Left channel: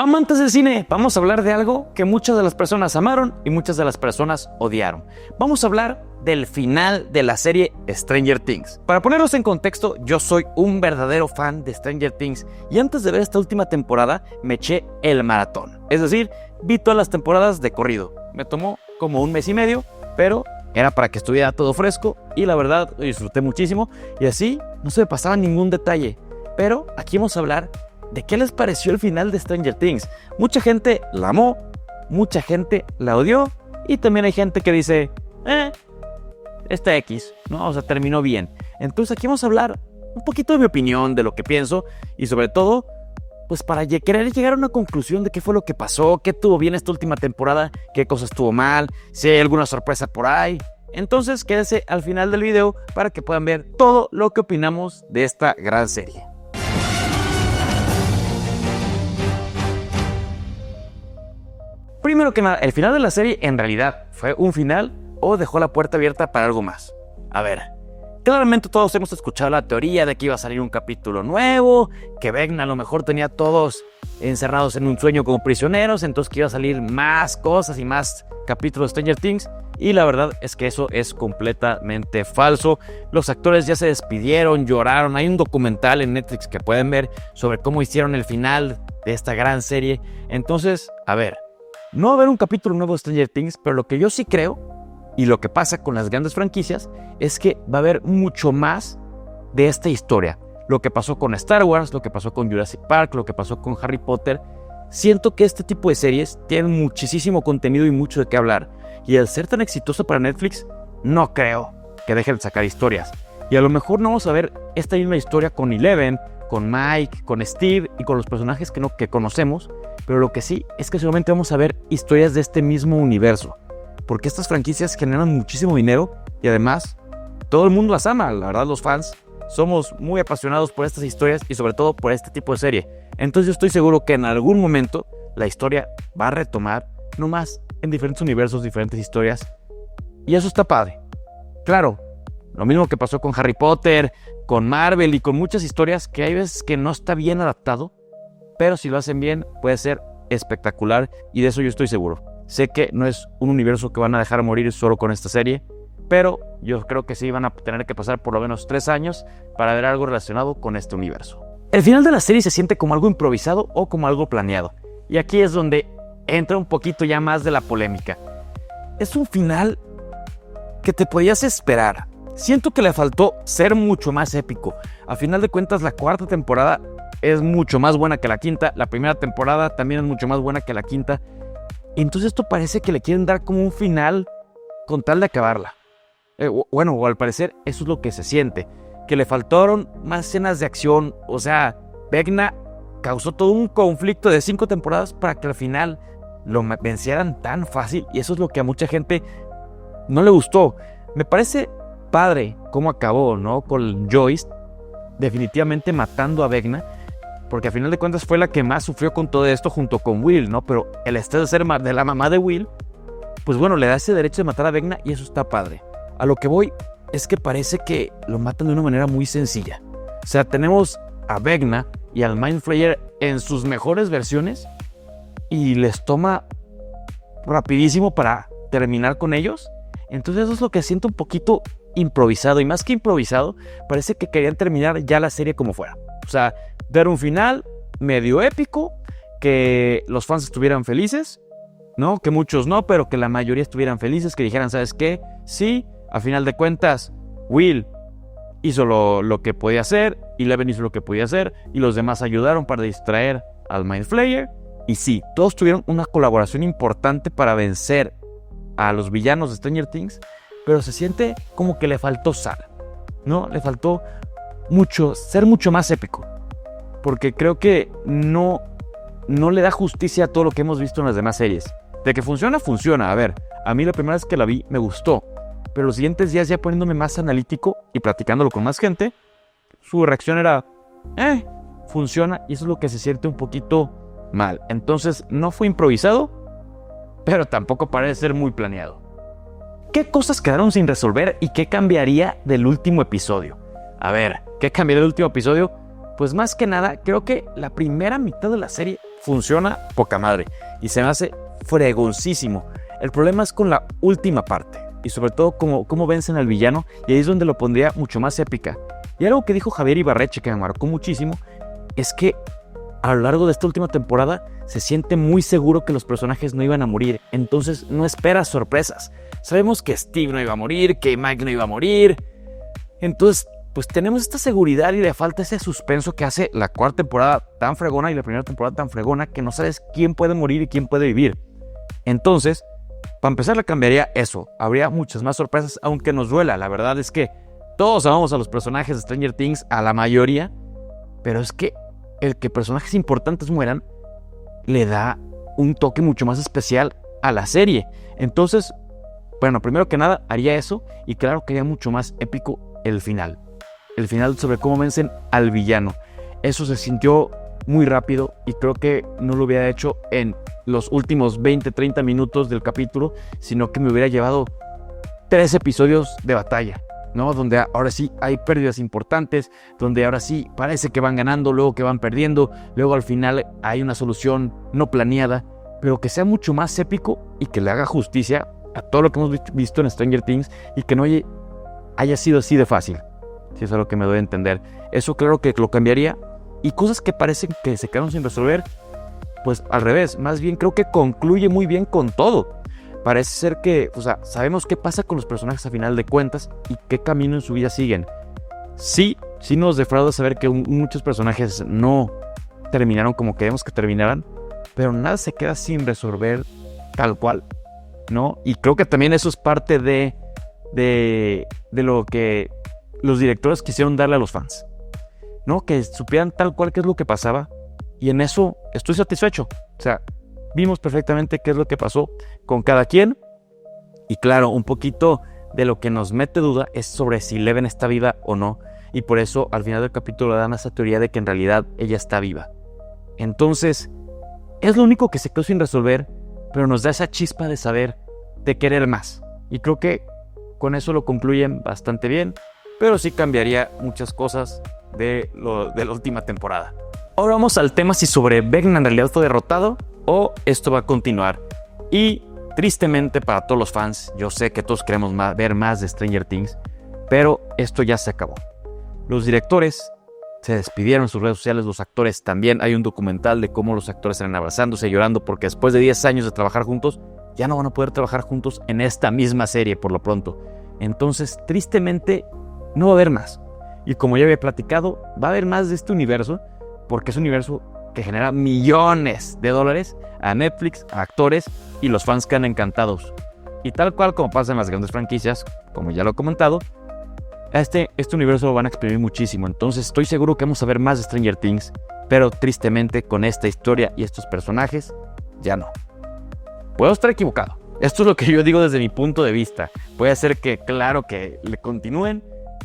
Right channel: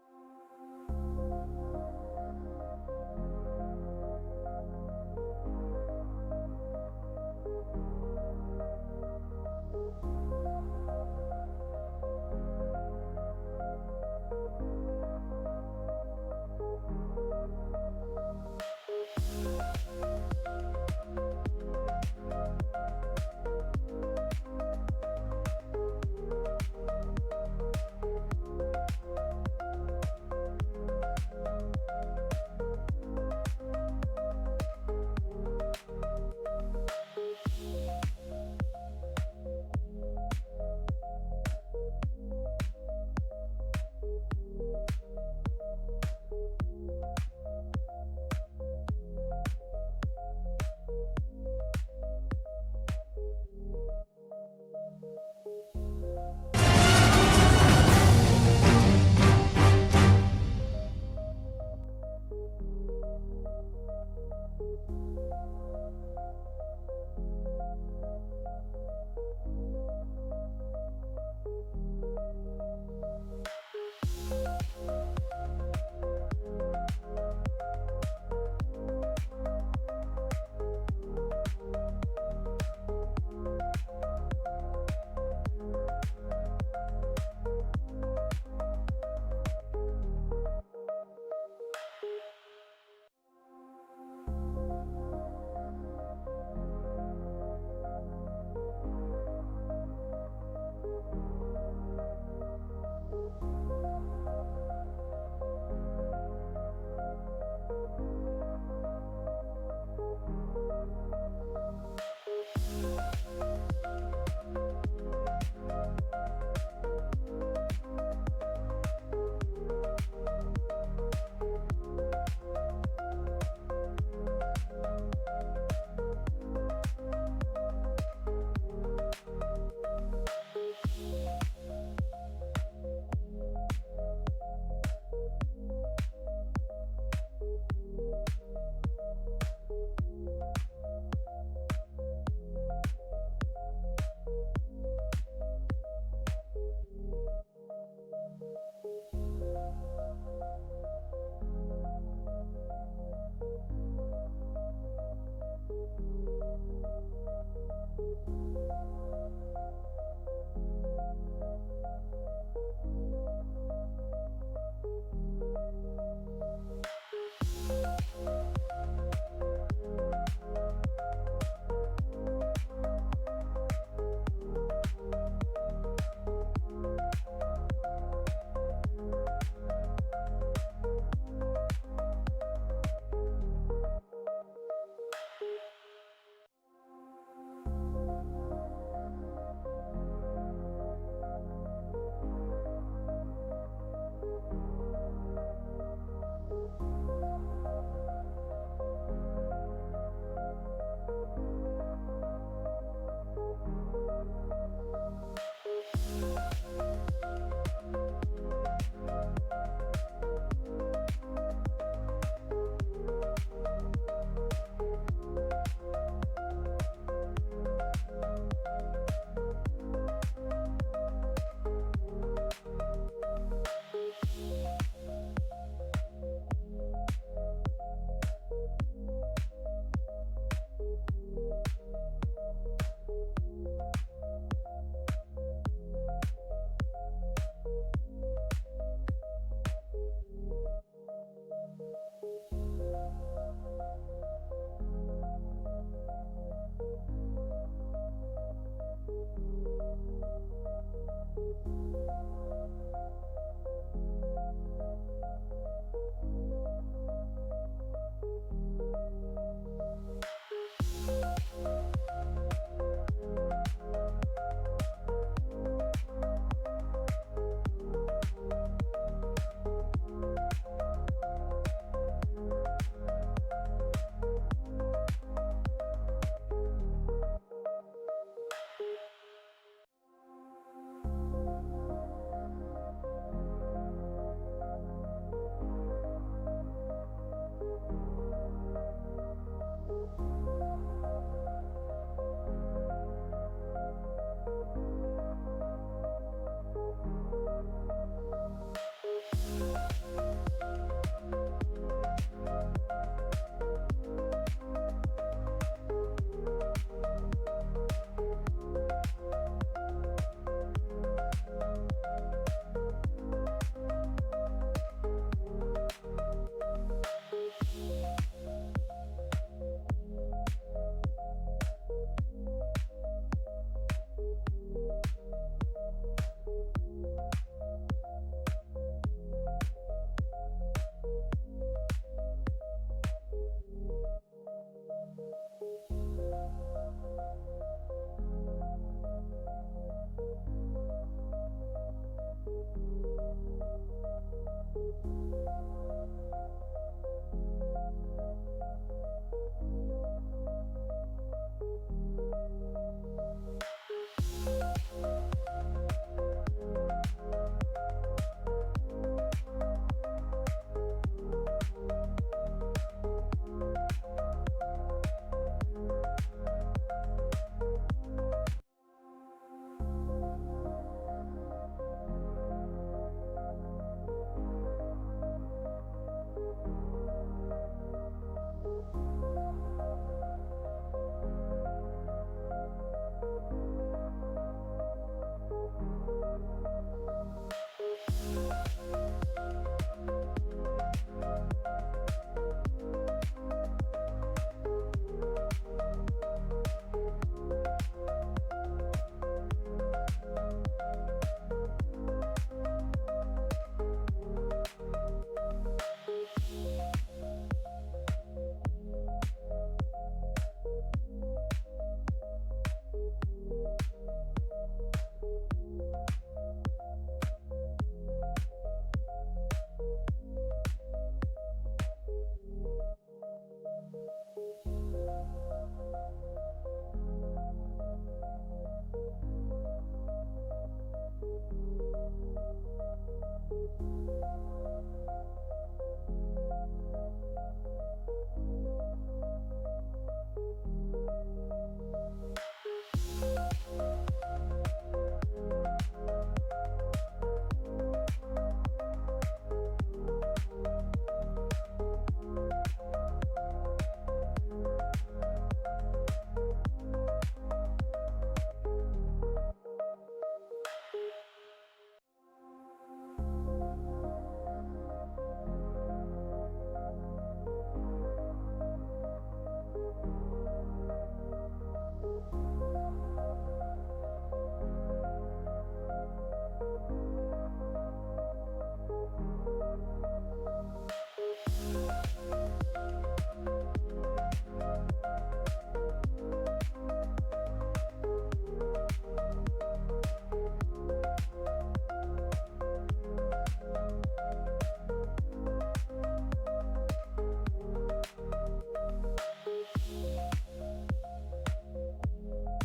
Amantes del cine, vamos a hablar de algo que muchas de las personas amaron y muchas de las personas odiaron. Vamos a hablar del final de la serie Stranger Things. Para ponerlos en contexto, yo soy un verdadero fan de Stranger Things y antes de ver esta última temporada me eché el maratón. Es decir, vi todas las temporadas de corrido. Me tomó como un mes y medio, pero era para que estuviera todo fresco y la verdad lo disfruté muchísimo y así no se me pasaba ningún detalle. Pero aquí vamos a hablar de qué les pareció el final de Stranger Things. Mucha gente la amó, mucha gente la odió y también hay gente que dice, está X, ¿no? O sea, terminó bien. Entonces aquí vamos a hablar un poquito de mi opinión, de lo que pienso y sobre todo, pues para querer llegar a una conclusión de qué fue lo que pasó, qué tuvo bien esta última temporada, qué cosas estuvo mal, si hay alguna sorpresa por ahí. Entonces quédense al final del video para que puedan ver todo lo que opinamos de esta gran serie. Primero que nada, el final de la serie en realidad fue un final o dejó la puerta abierta para algo más. A ver, claramente todos hemos escuchado la teoría de que iba a salir un capítulo nuevo, que Vecna a lo mejor tenía a todos encerrados en un sueño como prisioneros, entonces que iba a salir más cosas y más capítulos de Stranger Things, y la verdad es que eso es completamente falso. Los actores ya se despidieron, lloraron, hay un documental en Netflix que pueden ver sobre cómo hicieron el final de esta gran serie. Entonces, a ver, no va a haber un capítulo nuevo de Stranger Things, pero lo que yo sí creo, y lo que pasa con las grandes franquicias, es que va a haber mucho más de esta historia. Lo que pasó con Star Wars, lo que pasó con Jurassic Park, lo que pasó con Harry Potter. Siento que este tipo de series tienen muchísimo contenido y mucho de qué hablar. Y al ser tan exitoso para Netflix, no creo que dejen de sacar historias. Y a lo mejor no vamos a ver esta misma historia con Eleven, con Mike, con Steve y con los personajes que conocemos, pero lo que sí es que seguramente vamos a ver historias de este mismo universo, porque estas franquicias generan muchísimo dinero y además todo el mundo las ama. La verdad, los fans somos muy apasionados por estas historias y sobre todo por este tipo de serie. Entonces yo estoy seguro que en algún momento la historia va a retomar, no más en diferentes universos, diferentes historias, y eso está padre. Claro, lo mismo que pasó con Harry Potter, con Marvel y con muchas historias que hay veces que no está bien adaptado, pero si lo hacen bien puede ser espectacular y de eso yo estoy seguro. Sé que no es un universo que van a dejar morir solo con esta serie, pero yo creo que sí van a tener que pasar por lo menos 3 años para ver algo relacionado con este universo. El final de la serie se siente como algo improvisado o como algo planeado, y aquí es donde entra un poquito ya más de la polémica. Es un final que te podías esperar. Siento que le faltó ser mucho más épico. A final de cuentas, la cuarta temporada es mucho más buena que la quinta. La primera temporada también es mucho más buena que la quinta. Entonces esto parece que le quieren dar como un final con tal de acabarla. O al parecer eso es lo que se siente. Que le faltaron más escenas de acción. O sea, Vecna causó todo un conflicto de 5 temporadas para que al final lo vencieran tan fácil. Y eso es lo que a mucha gente no le gustó. Me parece padre cómo acabó, ¿no? Con Joyce definitivamente matando a Vecna, porque a final de cuentas fue la que más sufrió con todo esto junto con Will, ¿no? Pero el estrés de ser de la mamá de Will, pues bueno, le da ese derecho de matar a Vecna y eso está padre. A lo que voy es que parece que lo matan de una manera muy sencilla. O sea, tenemos a Vecna y al Mind Flayer en sus mejores versiones y les toma rapidísimo para terminar con ellos. Entonces eso es lo que siento un poquito improvisado, y más que improvisado, parece que querían terminar ya la serie como fuera. O sea, dar un final medio épico, que los fans estuvieran felices, ¿no? Que muchos no, pero que la mayoría estuvieran felices, que dijeran, ¿sabes qué? Sí, a final de cuentas, Will hizo lo que podía hacer, Eleven hizo lo que podía hacer, y los demás ayudaron para distraer al Mind Flayer. Y sí, todos tuvieron una colaboración importante para vencer a los villanos de Stranger Things, pero se siente como que le faltó sal, ¿no? Le faltó ser mucho más épico, porque creo que no le da justicia a todo lo que hemos visto en las demás series. De que funciona, funciona. A ver, a mí la primera vez que la vi me gustó, pero los siguientes días ya poniéndome más analítico y platicándolo con más gente, su reacción era, funciona, y eso es lo que se siente un poquito mal. Entonces no fue improvisado, pero tampoco parece ser muy planeado. ¿Qué cosas quedaron sin resolver y qué cambiaría del último episodio? A ver, ¿qué cambiaría del último episodio? Pues más que nada, creo que la primera mitad de la serie funciona poca madre y se me hace fregoncísimo. El problema es con la última parte y sobre todo cómo vencen al villano, y ahí es donde lo pondría mucho más épica. Y algo que dijo Javier Ibarreche que me marcó muchísimo es que a lo largo de esta última temporada se siente muy seguro que los personajes no iban a morir, entonces no espera sorpresas. Sabemos que Steve no iba a morir, que Mike no iba a morir, entonces pues tenemos esta seguridad y le falta ese suspenso que hace la cuarta temporada tan fregona y la primera temporada tan fregona, que no sabes quién puede morir y quién puede vivir. Entonces, para empezar, le cambiaría eso. Habría muchas más sorpresas, aunque nos duela. La verdad es que todos amamos a los personajes de Stranger Things, a la mayoría, pero es que el que personajes importantes mueran le da un toque mucho más especial a la serie. Entonces, bueno, primero que nada haría eso, y claro que haría mucho más épico el final. El final sobre cómo vencen al villano. Eso se sintió muy rápido y creo que no lo hubiera hecho en los últimos 20-30 minutos del capítulo, sino que me hubiera llevado 3 episodios de batalla, ¿no? Donde ahora sí hay pérdidas importantes, donde ahora sí parece que van ganando, luego que van perdiendo, luego al final hay una solución no planeada, pero que sea mucho más épico y que le haga justicia a todo lo que hemos visto en Stranger Things y que no haya sido así de fácil, si eso es lo que me doy a entender. Eso claro que lo cambiaría, y cosas que parecen que se quedaron sin resolver, pues al revés, más bien creo que concluye muy bien con todo. Parece ser que, o sea, sabemos qué pasa con los personajes a final de cuentas y qué camino en su vida siguen. Sí nos defrauda saber que muchos personajes no terminaron como queremos que terminaran, pero nada se queda sin resolver tal cual, ¿no? Y creo que también eso es parte de lo que los directores quisieron darle a los fans, ¿no? Que supieran tal cual qué es lo que pasaba, y en eso estoy satisfecho. O sea, vimos perfectamente qué es lo que pasó con cada quien, y claro, un poquito de lo que nos mete duda es sobre si Eleven está viva o no, y por eso al final del capítulo dan esa teoría de que en realidad ella está viva. Entonces, es lo único que se quedó sin resolver, pero nos da esa chispa de saber, de querer más, y creo que con eso lo concluyen bastante bien, pero sí cambiaría muchas cosas de la última temporada. Ahora vamos al tema si sobre Vecna en realidad fue derrotado o esto va a continuar. Y tristemente para todos los fans, yo sé que todos queremos ver más de Stranger Things, pero esto ya se acabó. Los directores se despidieron en sus redes sociales, los actores también. Hay un documental de cómo los actores están abrazándose, llorando, porque después de 10 años de trabajar juntos, ya no van a poder trabajar juntos en esta misma serie por lo pronto. Entonces, tristemente, no va a haber más. Y como ya había platicado, va a haber más de este universo, porque es un universo que genera millones de dólares a Netflix, a actores, y los fans quedan encantados. Y tal cual como pasa en las grandes franquicias, como ya lo he comentado, este universo lo van a exprimir muchísimo. Entonces estoy seguro que vamos a ver más de Stranger Things, pero tristemente con esta historia y estos personajes, ya no. Puedo estar equivocado. Esto es lo que yo digo desde mi punto de vista. Puede ser que, claro, que le continúen,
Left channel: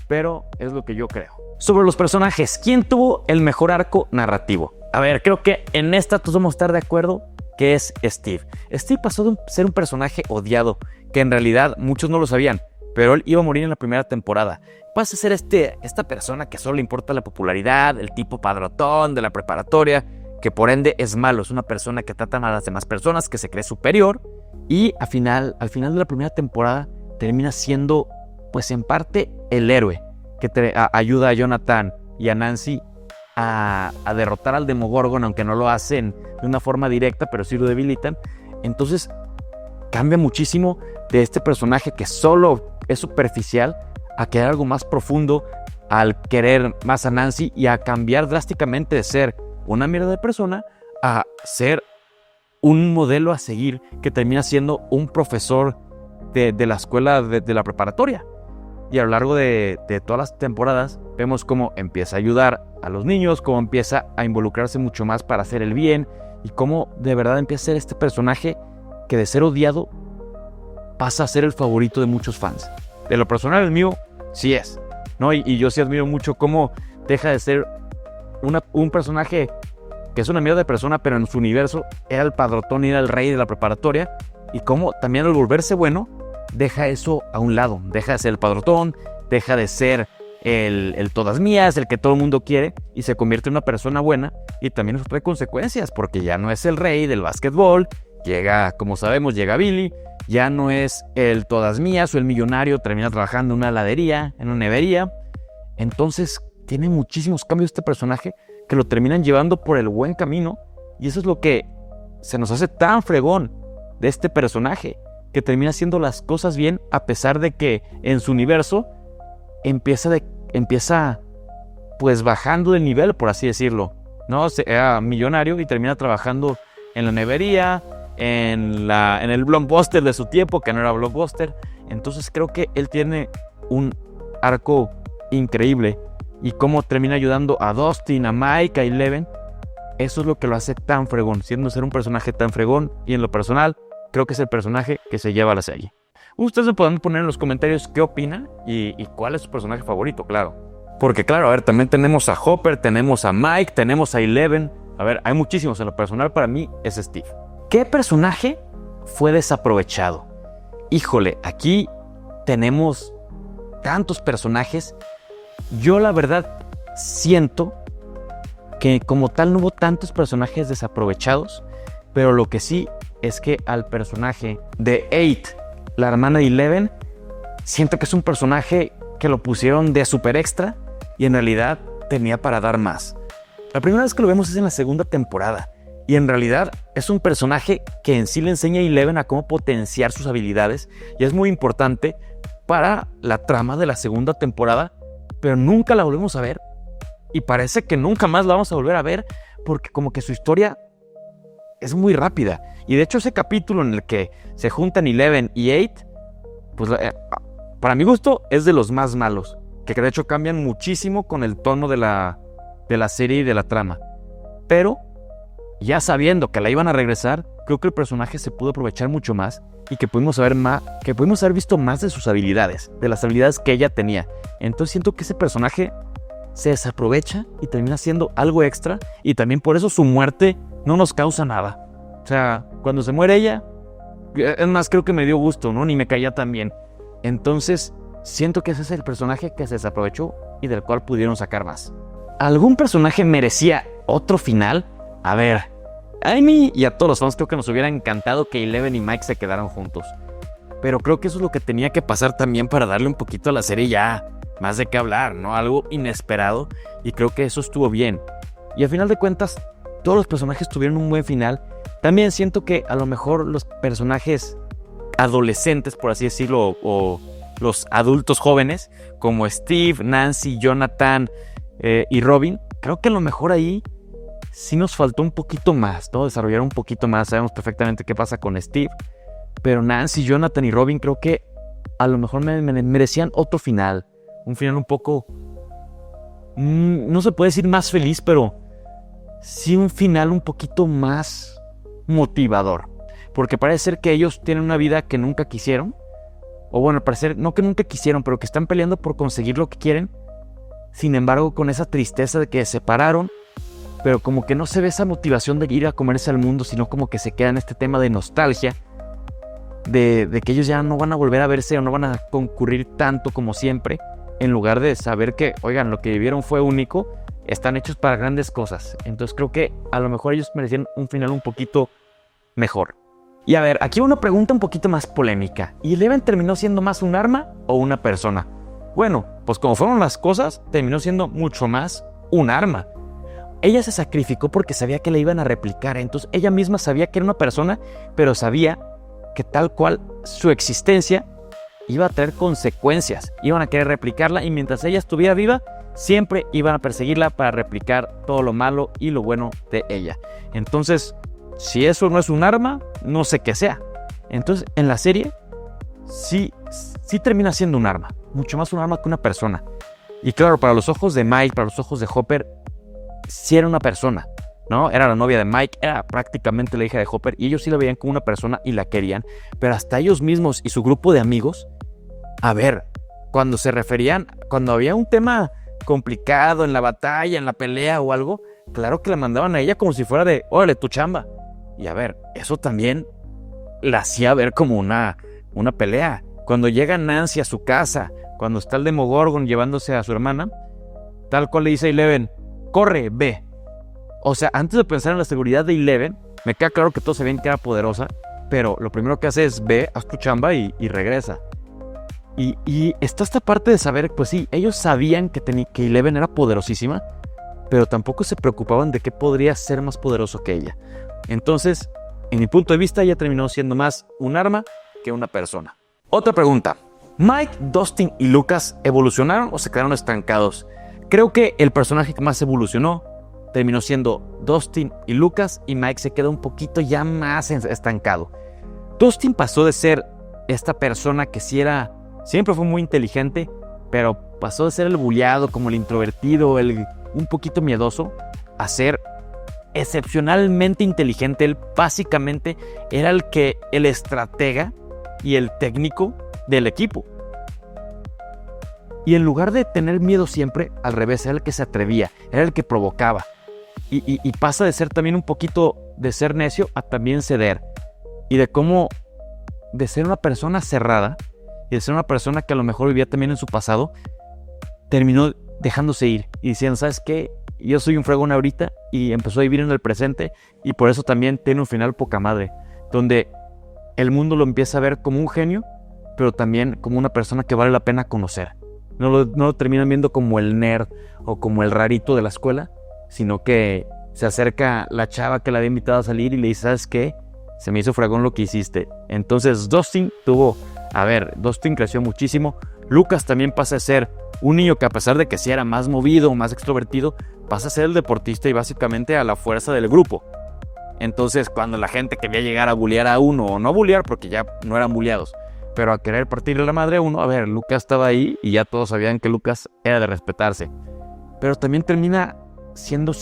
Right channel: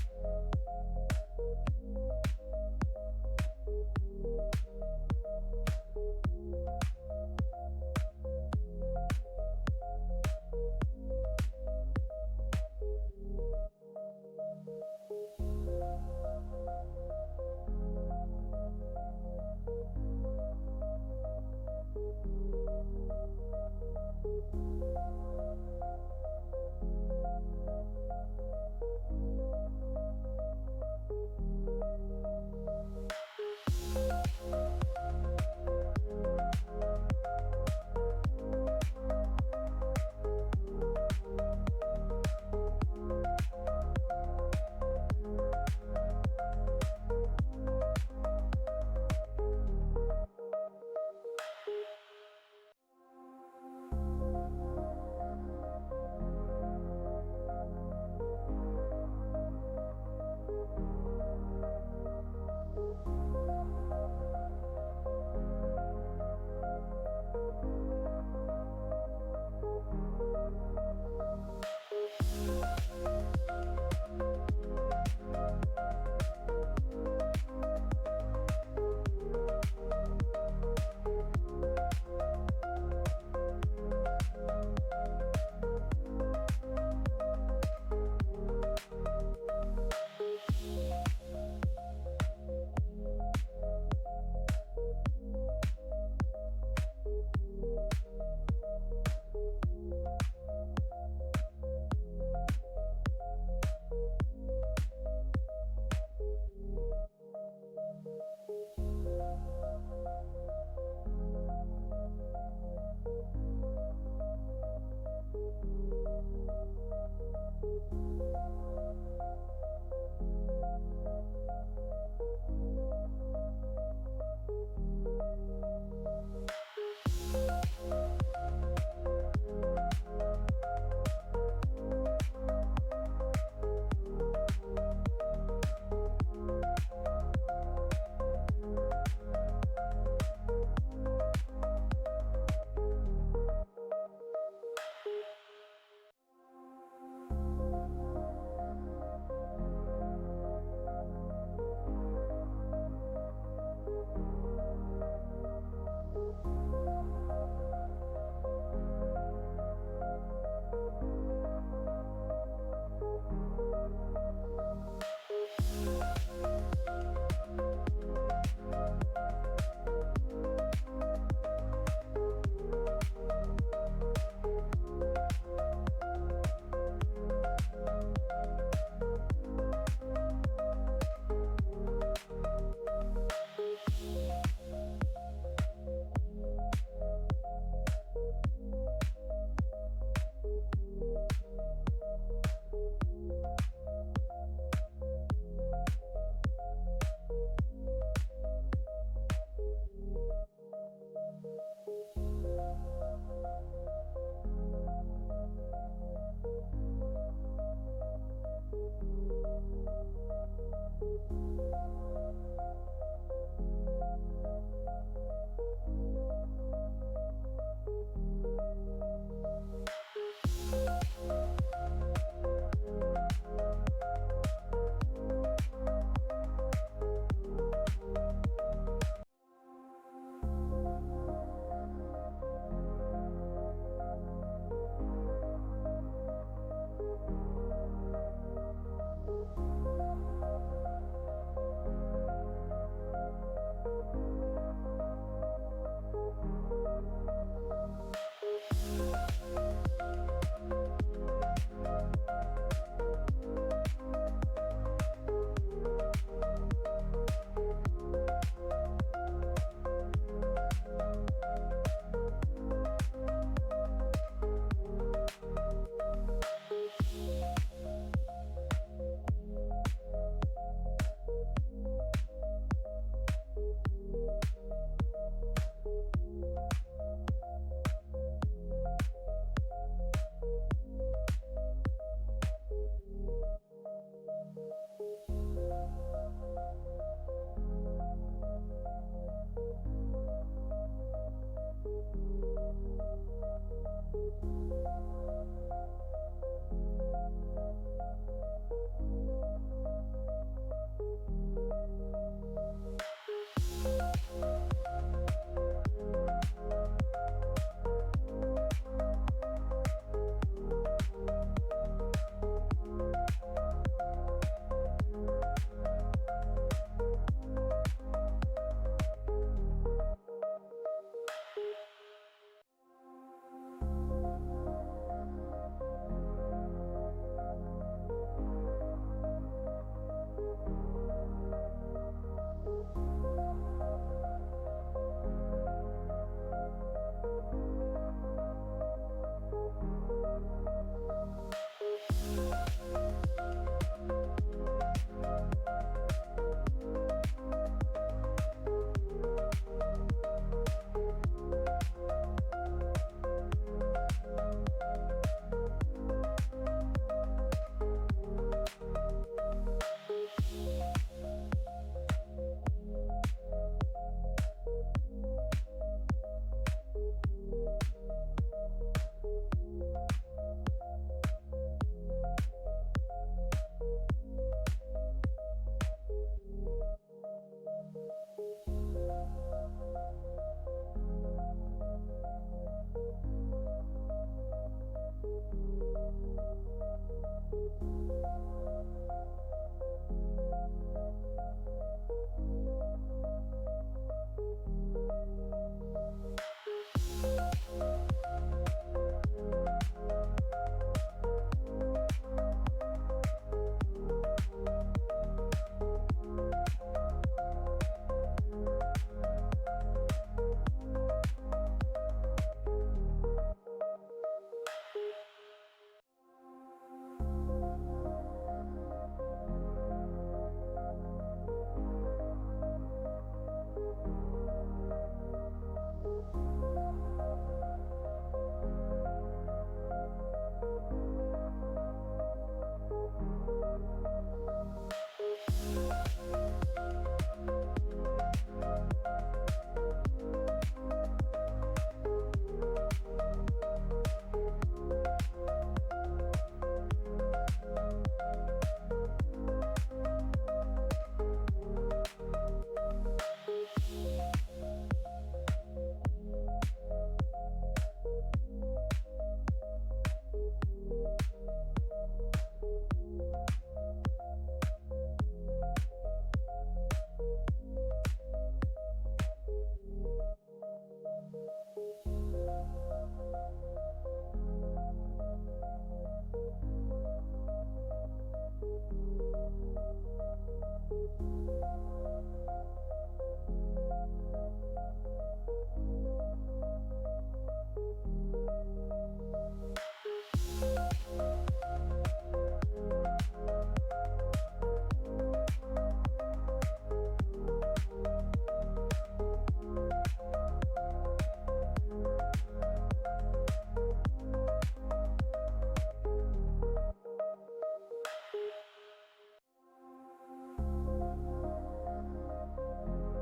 pero es lo que yo creo. Sobre los personajes, ¿quién tuvo el mejor arco narrativo? A ver, creo que en esta todos vamos a estar de acuerdo que es Steve. Steve pasó de ser un personaje odiado, que en realidad muchos no lo sabían, pero él iba a morir en la primera temporada. Pasa a ser esta persona que solo le importa la popularidad, el tipo padrotón de la preparatoria, que por ende es malo, es una persona que trata a las demás personas, que se cree superior, y al final de la primera temporada termina siendo, pues en parte, el héroe que ayuda a Jonathan y a Nancy a derrotar al Demogorgon, aunque no lo hacen de una forma directa, pero sí lo debilitan. Entonces cambia muchísimo de este personaje que solo es superficial a querer algo más profundo, al querer más a Nancy y a cambiar drásticamente de ser una mierda de persona a ser un modelo a seguir, que termina siendo un profesor de la escuela de la preparatoria. Y a lo largo de todas las temporadas vemos cómo empieza a ayudar a los niños, cómo empieza a involucrarse mucho más para hacer el bien, y cómo de verdad empieza a ser este personaje que de ser odiado pasa a ser el favorito de muchos fans. De lo personal, el mío sí es, ¿no? Y yo sí admiro mucho cómo deja de ser un personaje que es una mierda de persona, pero en su universo era el padrotón y era el rey de la preparatoria, y cómo también al volverse bueno deja eso a un lado, deja de ser el padrotón, deja de ser el todas mías, el que todo el mundo quiere, y se convierte en una persona buena, y también eso trae consecuencias, porque ya no es el rey del básquetbol, como sabemos, llega Billy, ya no es el todas mías o el millonario, termina trabajando en una heladería, en una nevería. Entonces tiene muchísimos cambios este personaje que lo terminan llevando por el buen camino, y eso es lo que se nos hace tan fregón de este personaje, que termina haciendo las cosas bien a pesar de que en su universo empieza pues bajando de nivel, por así decirlo, ¿no? Era millonario y termina trabajando en la nevería, en el blockbuster de su tiempo, que no era blockbuster. Entonces creo que él tiene un arco increíble, y cómo termina ayudando a Dustin, a Mike, a Eleven. Eso es lo que lo hace tan fregón, siendo ser un personaje tan fregón, y en lo personal creo que es el personaje que se lleva a la serie. Ustedes me pueden poner en los comentarios qué opinan y cuál es su personaje favorito, claro. Porque claro, a ver, también tenemos a Hopper, tenemos a Mike, tenemos a Eleven. A ver, hay muchísimos. En lo personal para mí es Steve. ¿Qué personaje fue desaprovechado? Híjole, aquí tenemos tantos personajes. Yo la verdad siento que como tal no hubo tantos personajes desaprovechados, pero lo que sí es que al personaje de 8, la hermana de Eleven, siento que es un personaje que lo pusieron de super extra y en realidad tenía para dar más. La primera vez que lo vemos es en la segunda temporada, y en realidad es un personaje que en sí le enseña a Eleven a cómo potenciar sus habilidades, y es muy importante para la trama de la segunda temporada, pero nunca la volvemos a ver, y parece que nunca más la vamos a volver a ver, porque como que su historia es muy rápida. Y de hecho ese capítulo en el que se juntan Eleven y 8, pues para mi gusto es de los más malos, que de hecho cambian muchísimo con el tono de la serie y de la trama. Pero ya sabiendo que la iban a regresar, creo que el personaje se pudo aprovechar mucho más, y que pudimos haber visto más de sus habilidades, de las habilidades que ella tenía. Entonces siento que ese personaje se desaprovecha y termina siendo algo extra, y también por eso su muerte no nos causa nada. O sea, cuando se muere ella, es más, creo que me dio gusto, ¿no? Ni me caía tan bien. Entonces siento que ese es el personaje que se desaprovechó y del cual pudieron sacar más. ¿Algún personaje merecía otro final? A ver, a mí y a todos los fans creo que nos hubiera encantado que Eleven y Mike se quedaran juntos, pero creo que eso es lo que tenía que pasar también para darle un poquito a la serie ya más de qué hablar, ¿no? Algo inesperado, y creo que eso estuvo bien. Y al final de cuentas, todos los personajes tuvieron un buen final. También siento que a lo mejor los personajes adolescentes, por así decirlo, o los adultos jóvenes, como Steve, Nancy, Jonathan y Robin, creo que a lo mejor ahí sí nos faltó un poquito más, ¿no? Desarrollar un poquito más. Sabemos perfectamente qué pasa con Steve, pero Nancy, Jonathan y Robin creo que a lo mejor merecían otro final. Un final un poco, no se puede decir más feliz, pero sí un final un poquito más motivador. Porque parece ser que ellos tienen una vida que nunca quisieron. O bueno, al parecer, no que nunca quisieron, pero que están peleando por conseguir lo que quieren. Sin embargo, con esa tristeza de que se separaron, pero como que no se ve esa motivación de ir a comerse al mundo, sino como que se queda en este tema de nostalgia, de que ellos ya no van a volver a verse o no van a concurrir tanto como siempre, en lugar de saber que, oigan, lo que vivieron fue único, están hechos para grandes cosas. Entonces creo que a lo mejor ellos merecían un final un poquito mejor. Y a ver, aquí una pregunta un poquito más polémica. ¿Y Eleven terminó siendo más un arma o una persona? Bueno, pues como fueron las cosas, terminó siendo mucho más un arma. Ella se sacrificó porque sabía que la iban a replicar. Entonces ella misma sabía que era una persona, pero sabía que tal cual su existencia iba a traer consecuencias. Iban a querer replicarla, y mientras ella estuviera viva, siempre iban a perseguirla para replicar todo lo malo y lo bueno de ella. Entonces, si eso no es un arma, no sé qué sea. Entonces, en la serie, sí termina siendo un arma. Mucho más un arma que una persona. Y claro, para los ojos de Mike, para los ojos de Hopper, sí era una persona, ¿no? Era la novia de Mike, era prácticamente la hija de Hopper, y ellos sí la veían como una persona y la querían. Pero hasta ellos mismos y su grupo de amigos, a ver, cuando se referían, cuando había un tema complicado en la batalla, en la pelea o algo, claro que la mandaban a ella como si fuera de, órale, tu chamba. Y a ver, eso también la hacía ver como una pelea. Cuando llega Nancy a su casa, cuando está el Demogorgon llevándose a su hermana, tal cual le dice a Eleven, corre, ve. O sea, antes de pensar en la seguridad de Eleven, me queda claro que todos sabían que era poderosa, pero lo primero que hace es ve, haz tu chamba y regresa. Y está esta parte de saber, pues sí, ellos sabían que Eleven era poderosísima, pero tampoco se preocupaban de qué podría ser más poderoso que ella. Entonces, en mi punto de vista, ella terminó siendo más un arma que una persona. Otra pregunta. ¿Mike, Dustin y Lucas evolucionaron o se quedaron estancados? Creo que el personaje que más evolucionó terminó siendo Dustin y Lucas, y Mike se quedó un poquito ya más estancado. Dustin pasó de ser esta persona que siempre fue muy inteligente, pero pasó de ser el buleado, como el introvertido, un poquito miedoso, a ser excepcionalmente inteligente. Él básicamente era el estratega y el técnico del equipo. Y en lugar de tener miedo siempre, al revés, era el que se atrevía, era el que provocaba. Y pasa de ser también un poquito de ser necio a también ceder. Y de ser una persona cerrada y de ser una persona que a lo mejor vivía también en su pasado, terminó dejándose ir y diciendo, ¿sabes qué? Yo soy un fregón ahorita, y empezó a vivir en el presente, y por eso también tiene un final poca madre, donde el mundo lo empieza a ver como un genio, pero también como una persona que vale la pena conocer. No lo terminan viendo como el nerd o como el rarito de la escuela, sino que se acerca la chava que la había invitado a salir y le dice, ¿sabes qué? Se me hizo fregón lo que hiciste. Entonces Dustin creció muchísimo. Lucas también pasa a ser un niño que, a pesar de que sí era más movido, más extrovertido, pasa a ser el deportista y básicamente a la fuerza del grupo. Entonces, cuando la gente quería llegar a bullear a uno, o no bullear porque ya no eran bulleados, pero a querer partirle la madre a uno, Lucas estaba ahí y ya todos sabían que Lucas era de respetarse. Pero también termina siendo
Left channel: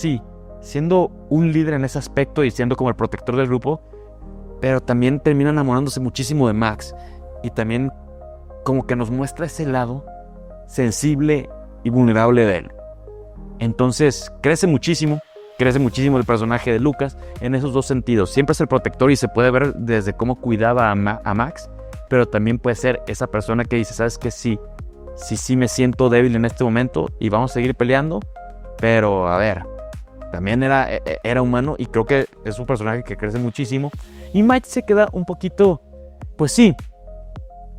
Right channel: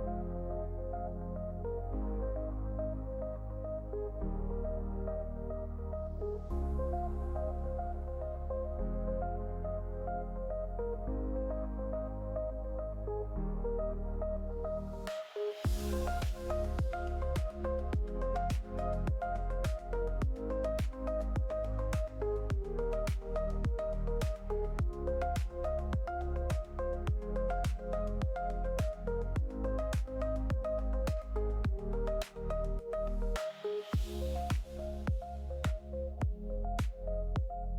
un líder en ese aspecto y siendo como el protector del grupo, pero también termina enamorándose muchísimo de Max, y también como que nos muestra ese lado sensible y vulnerable de él. Entonces crece muchísimo el personaje de Lucas en esos dos sentidos. Siempre es el protector y se puede ver desde cómo cuidaba a Max, pero también puede ser esa persona que dice, ¿sabes qué? Sí me siento débil en este momento y vamos a seguir peleando, pero también era humano, y creo que es un personaje que crece muchísimo. Y Mike se queda un poquito, pues sí,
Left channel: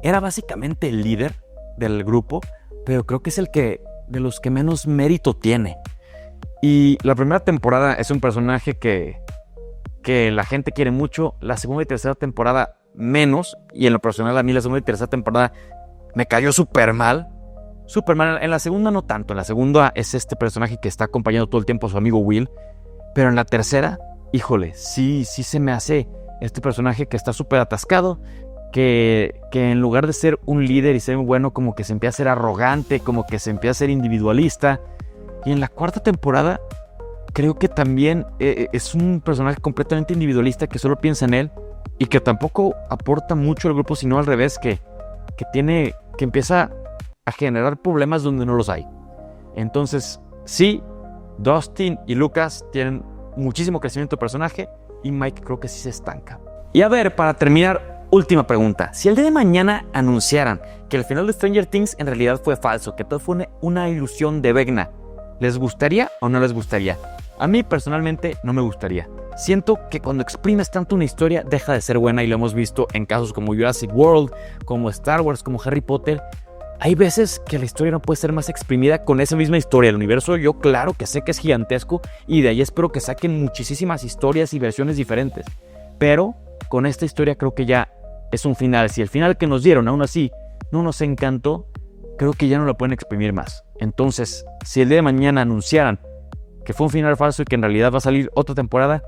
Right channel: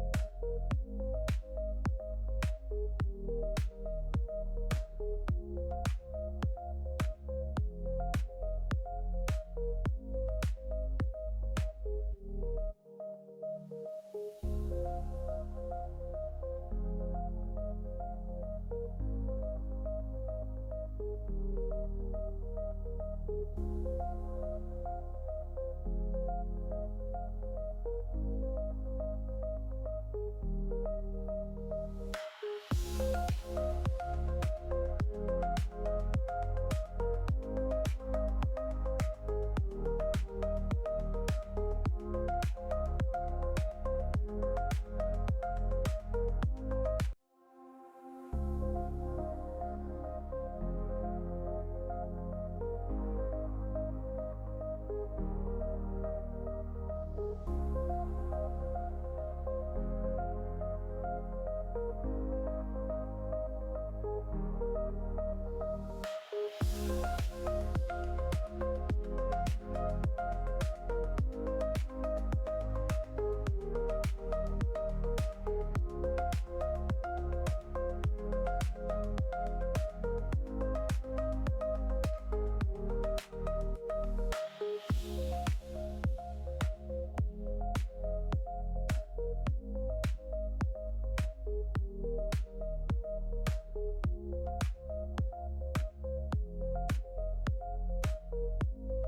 era básicamente el líder del grupo, pero creo que es de los que menos mérito tiene. Y la primera temporada es un personaje que la gente quiere mucho. La segunda y tercera temporada menos, y en lo personal a mí la segunda y tercera temporada me cayó súper mal. En la segunda no tanto. En la segunda es este personaje que está acompañando todo el tiempo a su amigo Will, pero en la tercera, híjole, sí se me hace este personaje que está súper atascado, que en lugar de ser un líder y ser bueno, como que se empieza a ser arrogante, como que se empieza a ser individualista. Y en la cuarta temporada creo que también es un personaje completamente individualista, que solo piensa en él y que tampoco aporta mucho al grupo, sino al revés, que empieza a generar problemas donde no los hay. Entonces sí, Dustin y Lucas tienen muchísimo crecimiento de personaje, y Mike creo que sí se estanca. Y para terminar, última pregunta. Si el día de mañana anunciaran que el final de Stranger Things en realidad fue falso, que todo fue una ilusión de Vecna, ¿les gustaría o no les gustaría? A mí personalmente no me gustaría. Siento que cuando exprimes tanto una historia deja de ser buena, y lo hemos visto en casos como Jurassic World, como Star Wars, como Harry Potter. Hay veces que la historia no puede ser más exprimida con esa misma historia. El universo, yo claro que sé que es gigantesco, y de ahí espero que saquen muchísimas historias y versiones diferentes. Pero con esta historia creo que ya es un final. Si el final que nos dieron aún así no nos encantó, creo que ya no lo pueden exprimir más. Entonces, si el día de mañana anunciaran que fue un final falso y que en realidad va a salir otra temporada,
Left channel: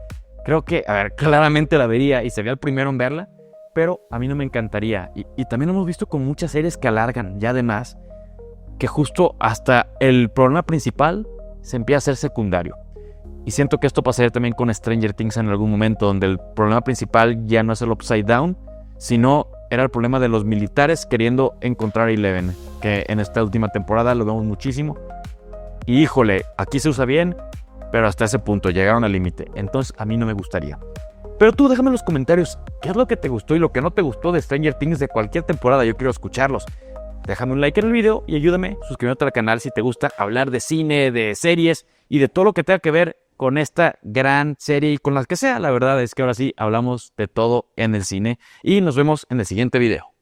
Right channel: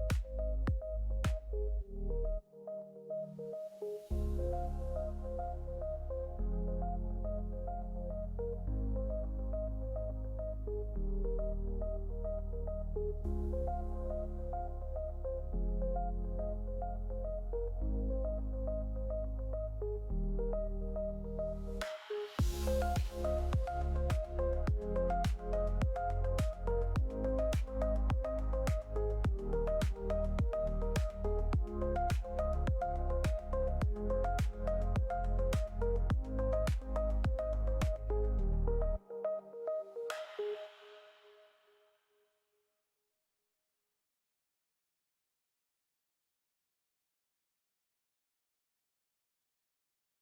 creo que, claramente la vería y sería el primero en verla, pero a mí no me encantaría. Y también hemos visto con muchas series que alargan ya de más, que justo hasta el problema principal se empieza a ser secundario. Y siento que esto pasaría también con Stranger Things en algún momento, donde el problema principal ya no es el Upside Down, sino era el problema de los militares queriendo encontrar a Eleven, que en esta última temporada lo vemos muchísimo. Y híjole, aquí se usa bien, pero hasta ese punto llegaron al límite. Entonces a mí no me gustaría. Pero tú déjame en los comentarios qué es lo que te gustó y lo que no te gustó de Stranger Things de cualquier temporada. Yo quiero escucharlos. déjame un like en el video y ayúdame suscribiéndote al canal si te gusta hablar de cine, de series y de todo lo que tenga que ver con esta gran serie y con las que sea. La verdad es que ahora sí hablamos de todo en el cine y nos vemos en el siguiente video.